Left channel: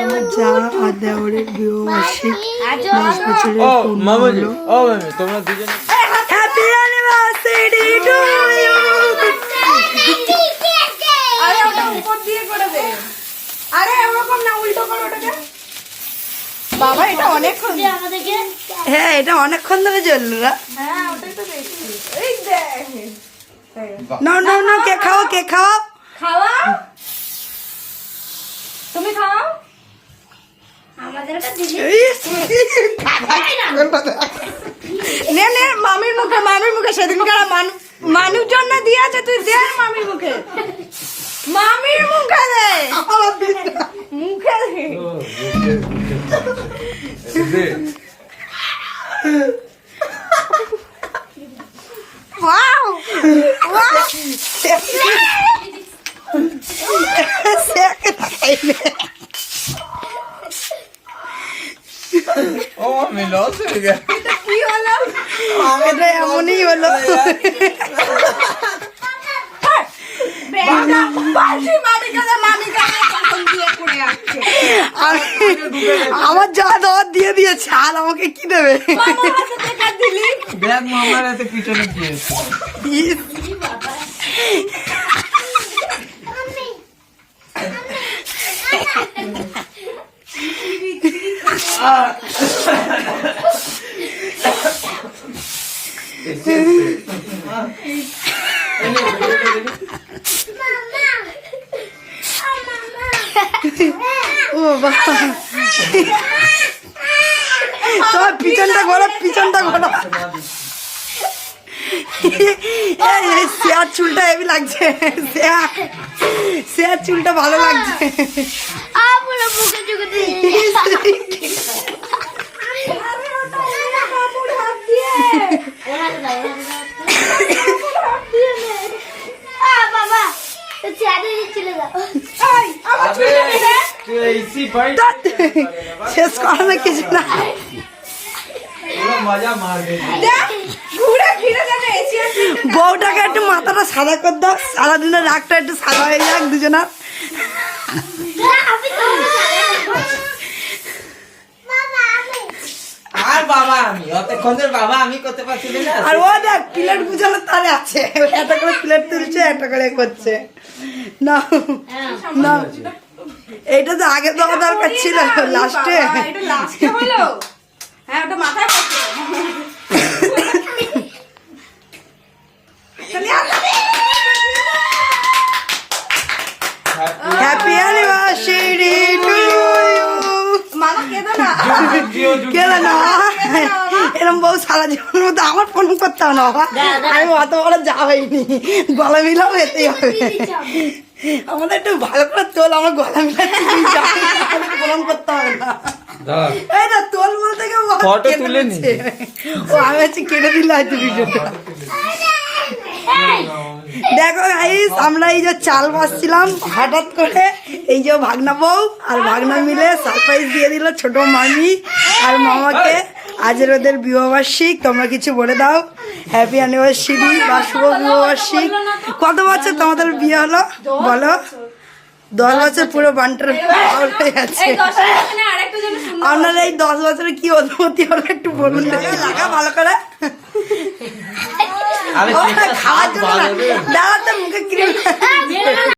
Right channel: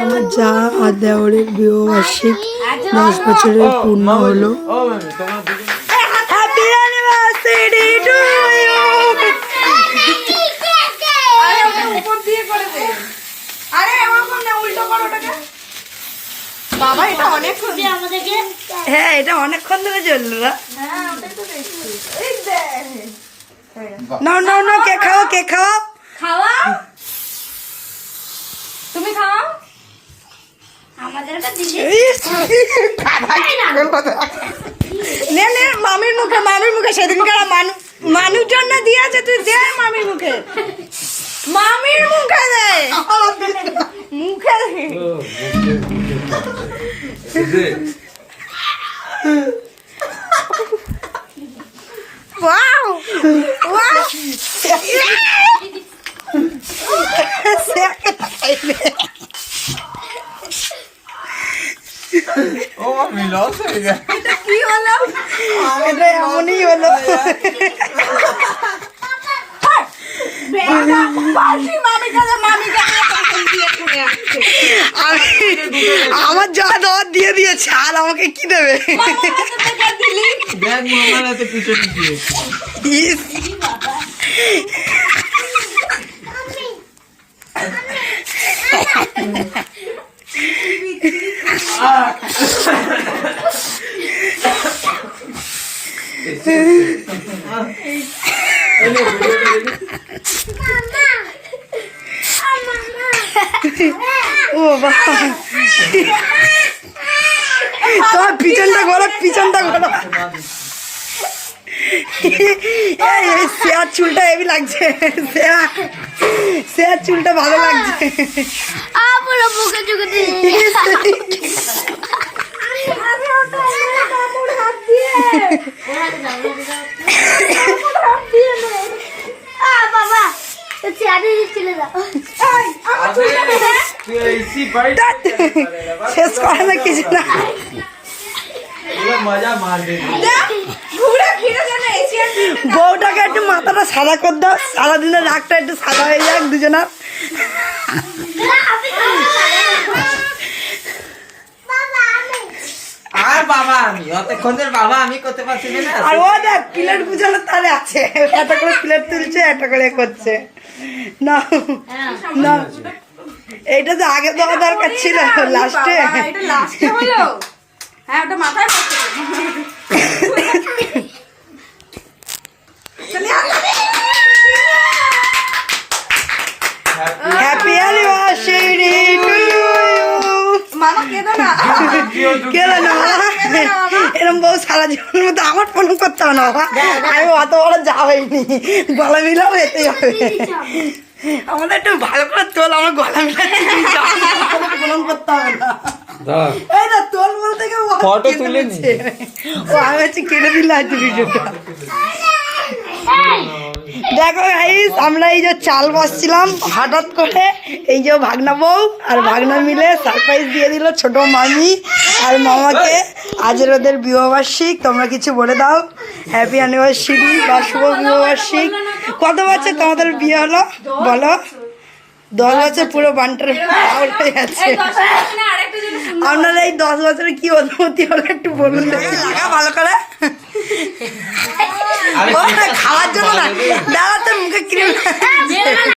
আমার যা আর দেওরের বিবাহবার্ষিক 10 বছরের পূর্ণ হলো। Happy anniversary to you. বাবা এটা অনেকক্ষণ, হ্যাঁ এটা অনেকক্ষণ ধরে চললো না। নাও নাও নাও, কে খাও কে খাও, খাওয়া তুমি খাও আমাদের নে নে মামির মুখে, মামির মুখে সেদিনকার মানুষজন না দিয়ে আছে, তুই দে মামির মুখে, মামির মুখে দে, মুখে দে। ওয়াও ওয়াও, ও আমি লস হয়ে গেল। কি হলো? এটা এমনই হলো। আমার যা দেওয়ার দিয়ে দিয়েছে, আর আমাকে কি দেবে? দেখ মামার এত পিছনে দিয়েছে। ও বাবা, তোর পিছনটা ঘোরা, পিছনটা ঘোরা। শেয়ার চুলটা হেভি লাগছে, শেয়ার চুলটা ভালো লাগছে। শেষ করা না কিছু না, মজা মার বউটাকে একটু মাথাটা সাদা করে দাও, সারাদিনের রাগটা একটু সাদা হয়ে যাক দুজনার। আর বাবা আমি অতক্ষণের বাবা আমি করতে পারছি না। আর ও দেখ প্লেট গুছানোর তারে আছে, একটা করে প্লেট তুলছে, একটা করে করছে। না না, এইটা তো আগে দেওয়া দরকার ছিল, লাস্টে। হ্যাঁ ওটা মাথায় পড়ছে। Happy anniversary to you. মামা কেঁদো না, কেন না, এরকম বউ সারা জীবনের মধ্যে আমার ফোন করতে হবে না বাবা, আমি অত বড় যা হয়নি, গলা মিলাও যেতেই হবে। আমাদের একটু ভালো করে তোল, আমার গলা মিলাতে ফোন করতে হবে না। এই না তোল বলতে গিয়ে ফটো তুলে নিচ্ছে, ও আমি হচ্ছে কেটে দিলে আছে ভিডিওটা। দেখো গাইস, আমরা এই যে চাল বাসছিলাম, হঠাৎ করে এই যে ভাগনা বউ আর ভাগনা মিলে সারপ্রাইজ দিয়ে দিল ছোট মামি আর মামাকে। আজের ওদের বিবাহবার্ষিক, তোমরা কিছু বলে দাও। হ্যাপি অ্যানিভার্সারি বা শুভ বিবাহবার্ষিক। কত বছর তোমাদের বিয়ে হলো বলো? 10 বছর পুরো বান্টার হয়ে গেছে। আপনারা এই 10 বছরে কি অনুমতি হলো একটু বলুন ভালো করে। খাওয়ার জন্য দাঁড়াতে মুখে ক্রিম